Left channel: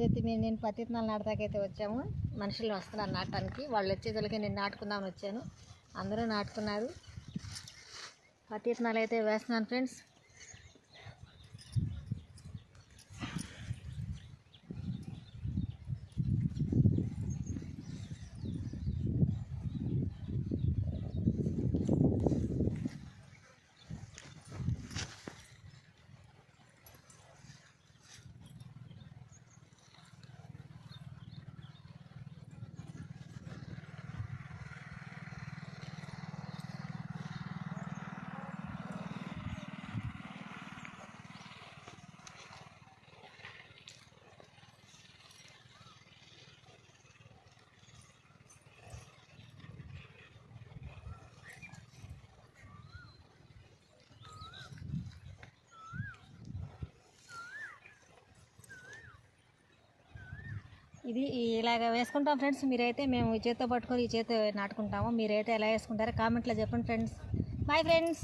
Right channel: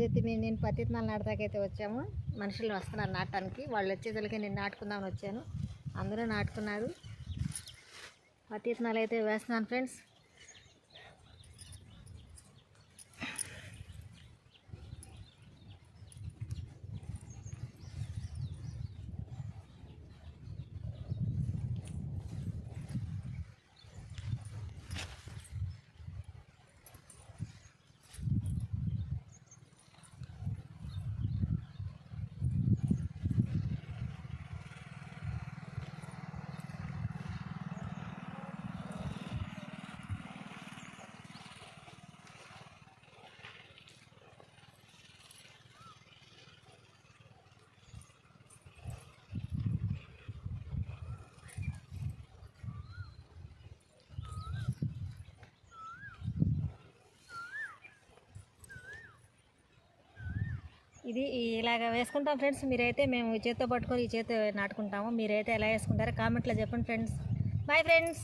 ఈరోజైతే నేను పత్తి విత్తనాలు నాటడానికైతే వచ్చాము. మనుషులు వస్తున్నారు నాటడానికి. వాళ్ళు వచ్చేసరికి నేను నాటుకుందామని వచ్చాను. అందరూ నాటుతున్నారు. పత్తి విత్తనాలు అయితే వేస్తున్నాను ఫ్రెండ్స్. ఇది ఇలాగ వేసుకుంటాం ఫ్రెండ్స్. మీరైతే మేము ఈ చేత్తో పట్టుకొని ఈ చేత్తో నాటుకుంటాము. మీరైతే ఎలా వేసుకుంటారో కామెంట్లో చెప్పండి ఫ్రెండ్స్. Bye friends.